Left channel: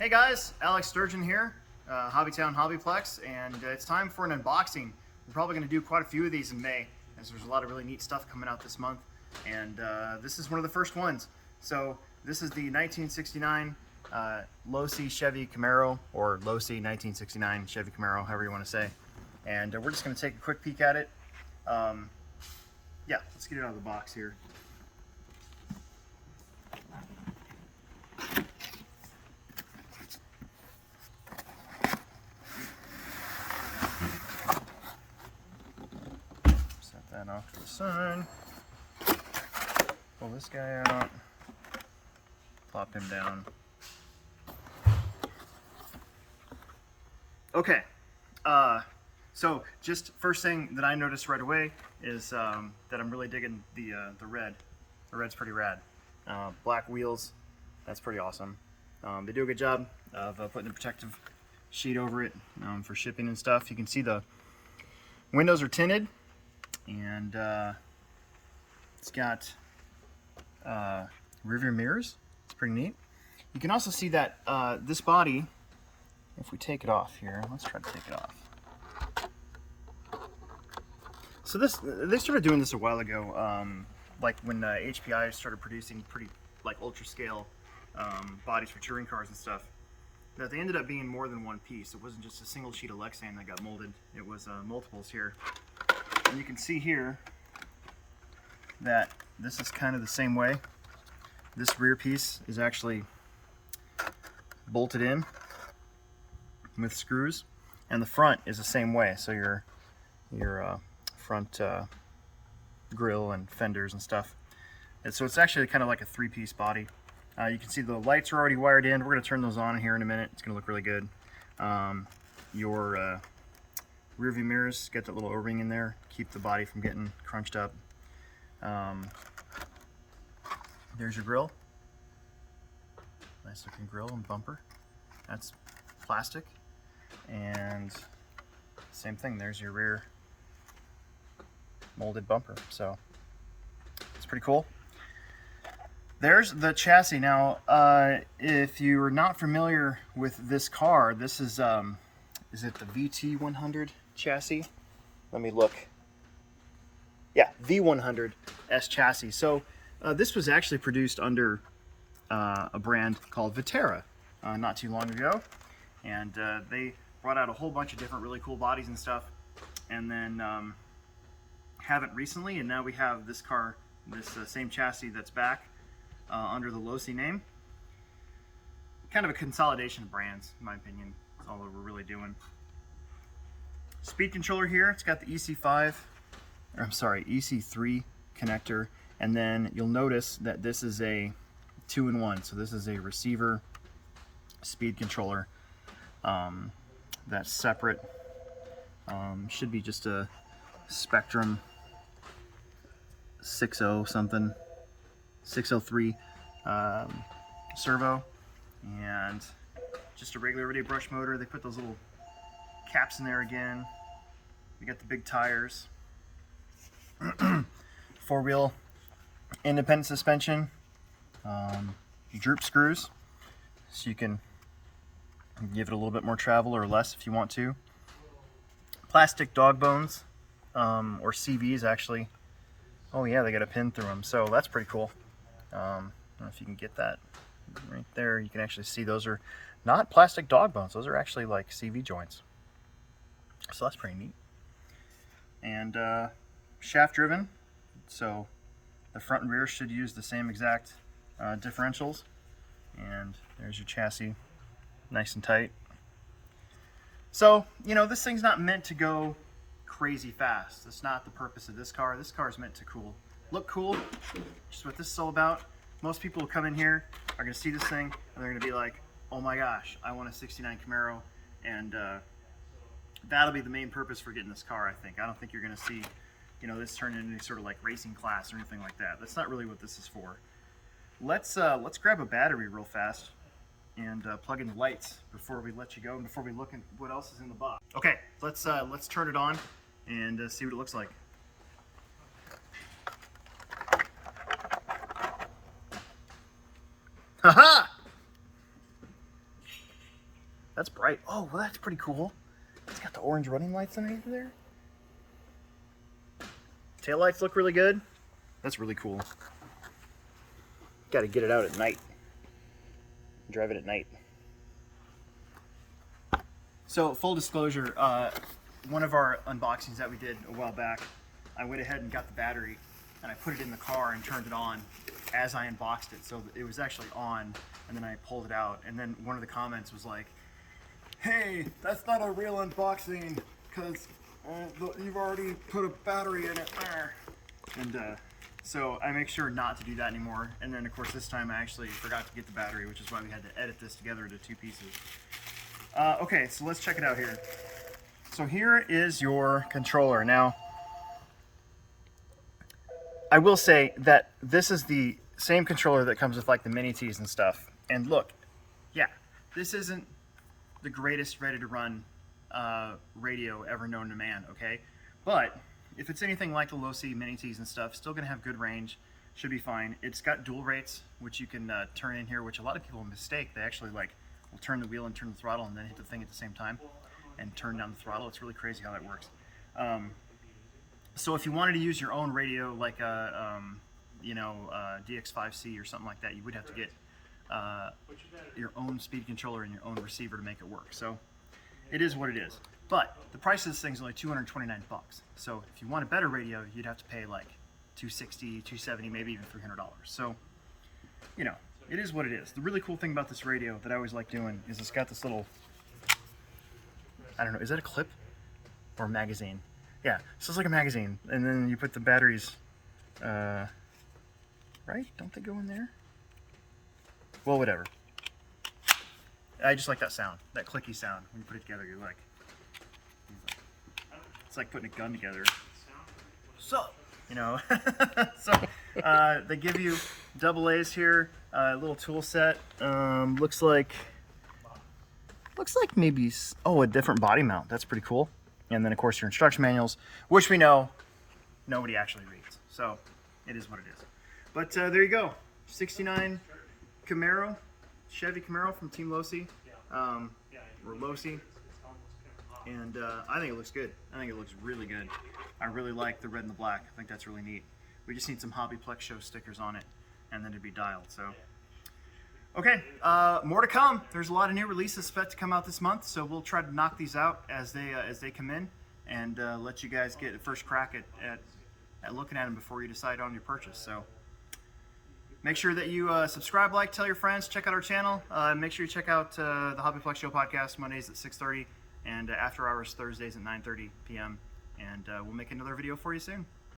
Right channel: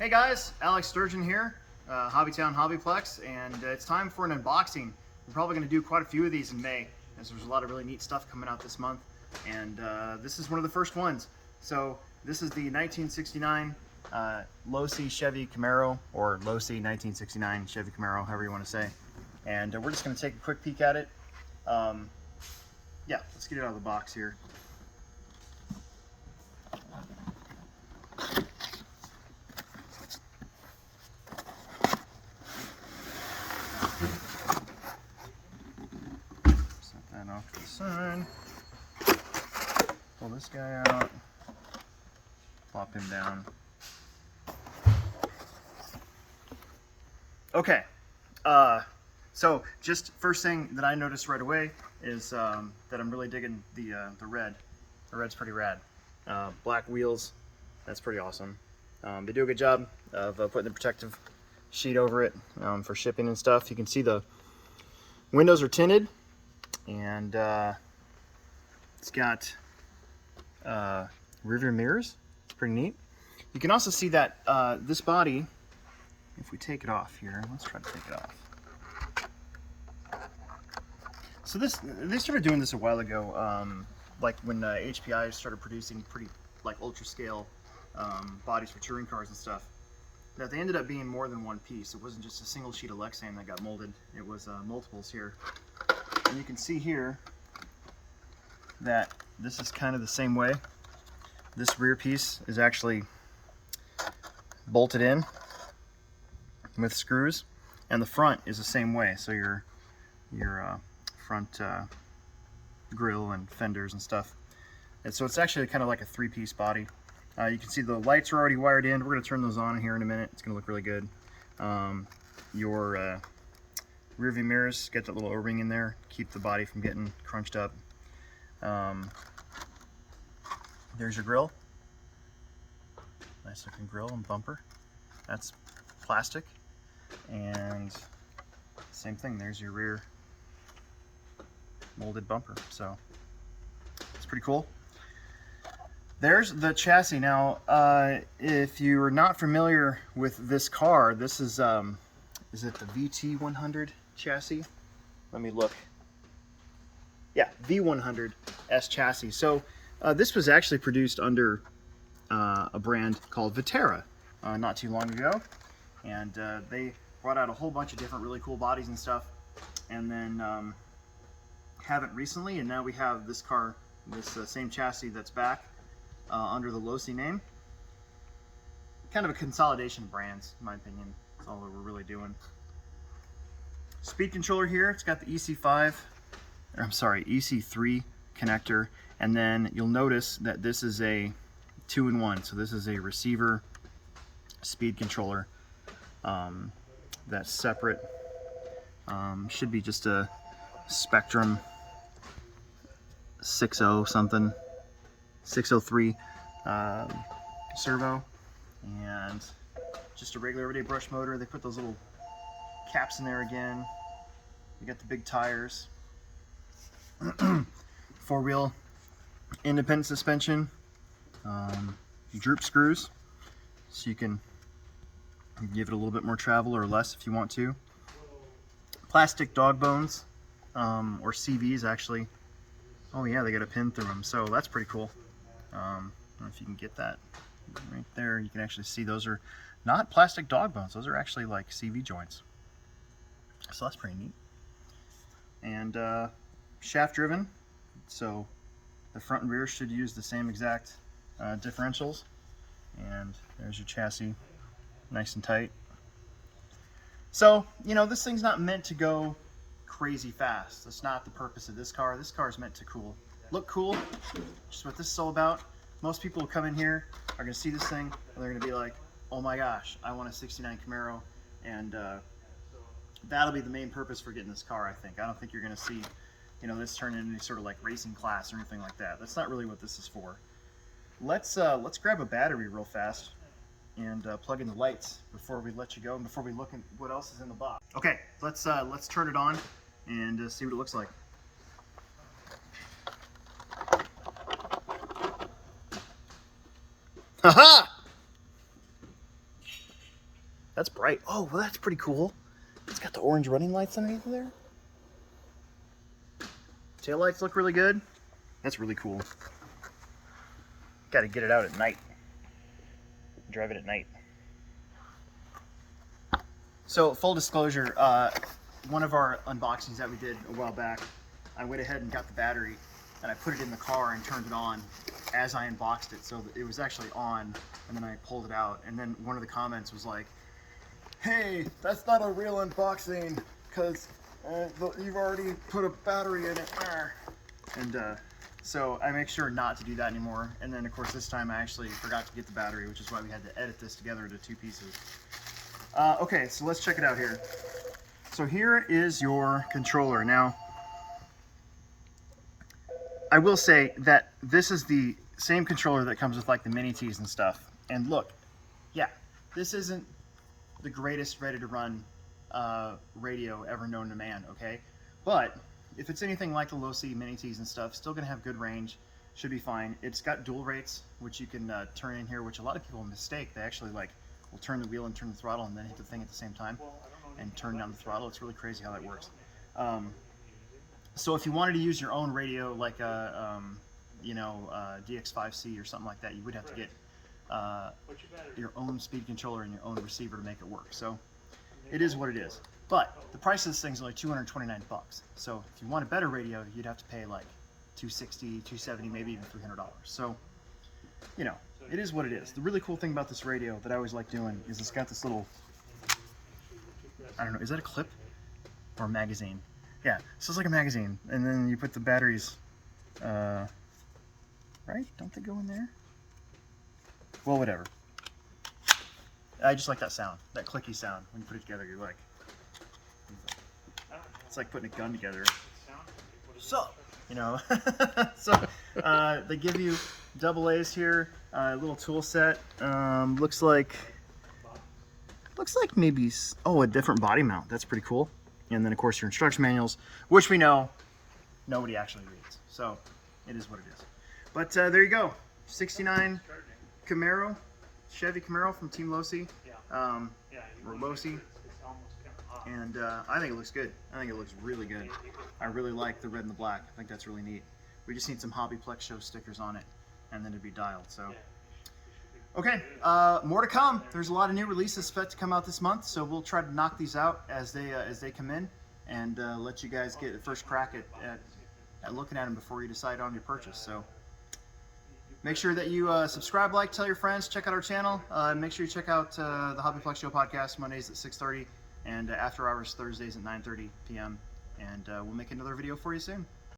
Hey guys, Alex Sturgeon here, HobbyTown HobbyPlex, and it's time for an unboxing. We're probably going to do quite a few of these in May, as there's a lot of really neat stuff coming out this month, and this is one of the first ones. So this is the 1969 Losi Chevy Camaro, or Losi 1969 Chevy Camaro, however you want to say. And we're just going to take a quick peek at it. Yeah, let's get it out of the box here. Set that off to the side. Pull this guy out. Plop him down. Okay. So just first thing that I noticed right away is that I'm really digging the red. The red's pretty rad. Black wheels, that's pretty awesome. They do a good job of putting the protective sheet over it for shipping and stuff. You can see the windows are tinted, and it's got rear view mirrors. It's pretty neat. You can also see that this body, if we take it off here, let's try to take it off. So they started doing this a while ago, like when HPI started producing pretty like ultra scale bodies for touring cars and stuff. That they ended up being more than one piece. It wasn't just a single sheet of Lexan that got molded. It was multiples here. And you can see here that this is kind of the same way. This rear piece is actually bolted in with screws, and the front is the same way. So your front grill and fenders and stuff. And so it's actually kind of like a three-piece body. You can see the lights are already wired in. We're going to turn those on here in a minute. It's going to look really good. Your rear view mirrors get that little O-ring in there, keep the body from getting crunched up. There's your grill. Nice looking grill and bumper. That's plastic. And same thing, there's your rear molded bumper. So it's pretty cool. There's the chassis. Now, if you're not familiar with this car, this is it the VT100 chassis? Let me look. Yeah, V100S chassis. So this was actually produced under a brand called Viterra not too long ago, and they brought out a whole bunch of different really cool bodies and stuff, and then haven't recently, and now we have this car, this same chassis that's back under the Losi name. Kind of a consolidation of brands, in my opinion. That's all that we're really doing. Speed controller here, it's got the EC3 connector, and then you'll notice that this is a 2-in-1. So this is a receiver speed controller that's separate. Should be just a Spectrum 60 something, 603 servo, and just a regular everyday brush motor. They put those little caps in there again. We got the big tires, 4-wheel independent suspension, droop screws, so you can give it a little bit more travel or less if you want to. Plastic dog bones, or CVs actually. Oh yeah, they got a pin through them, so that's pretty cool. I don't know if you can get that right there. You can actually see those are not plastic dog bones. Those are actually like CV joints. So that's pretty neat. And shaft driven, so the front and rear should use the same exact differentials. And there's your chassis, nice and tight. So, you know, this thing's not meant to go crazy fast. That's not the purpose of this car. This car is meant to look cool, just what this is all about. Most people who come in here are going to see this thing and they're going to be like, oh my gosh, I want a 69 Camaro, and that'll be the main purpose for getting this car, I think. I don't think you're going to see, you know, this turn into any sort of like racing class or anything like that. That's not really what this is for. Let's grab a battery real fast and plug in the lights before we let you go and before we look at what else is in the box. Okay, let's turn it on and see what it looks like. Haha! That's bright. Oh, well, that's pretty cool. It's got the orange running lights underneath there. Tail lights look really good. That's really cool. Got to get it out at night. Drive it at night. So, full disclosure, one of our unboxings that we did a while back, I went ahead and got the battery and I put it in the car and turned it on as I unboxed it. So it was actually on, and then I pulled it out. And then one of the comments was like, hey, that's not a real unboxing because you've already put a battery in it. And so I make sure not to do that anymore. And then of course this time I actually forgot to get the battery, which is why we had to edit this together into 2 pieces. Okay, so let's check it out here. So here is your controller. Now, I will say that this is the same controller that comes with like the mini T's and stuff. And look, yeah, this isn't the greatest ready to run radio ever known to man, okay? But if it's anything like the Losi mini T's and stuff, still gonna have good range, should be fine. It's got dual rates, which you can turn in here, which a lot of people mistake. They actually like will turn the wheel and turn the throttle and then hit the thing at the same time and turn down the throttle. It's really crazy how that works. So if you wanted to use your own radio, like a DX5C or something like that, you would have to get your own speed controller and your own receiver to make it work. So it is what it is. But the price of this thing is only 229 bucks. So if you want a better radio, you'd have to pay like 260, 270, maybe even $300. So, you know, it is what it is. The really cool thing about this radio that I always like doing is it's got this little, I don't know, is that a clip or a magazine? Yeah, so it's like a magazine, and then you put the batteries, right? Don't they go in there? Well, whatever. I just like that sound, that clicky sound. When you put it together, you're like, it's like putting a gun together. So, you know, so they give you double A's here, a little tool set. Looks like maybe, oh, a different body mount. That's pretty cool. And then of course your instruction manuals, which we know nobody actually reads. So it is what it is. But there you go, 69 Camaro, Chevy Camaro from Team Losi, or Losi. And I think it looks good. I think it looks really good. I really like the red and the black. I think that's really neat. We just need some HobbyPlex show stickers on it, and then it'd be dialed. So, okay, more to come. There's a lot of new releases set to come out this month, so we'll try to knock these out as they come in, and let you guys get a first crack at looking at them before you decide on your purchase. So, make sure that you subscribe, like, tell your friends, check out our channel. Make sure you check out the HobbyPlex Show podcast Mondays at 6:30 and after hours Thursdays at 9:30 p.m. And we'll make another video for you soon.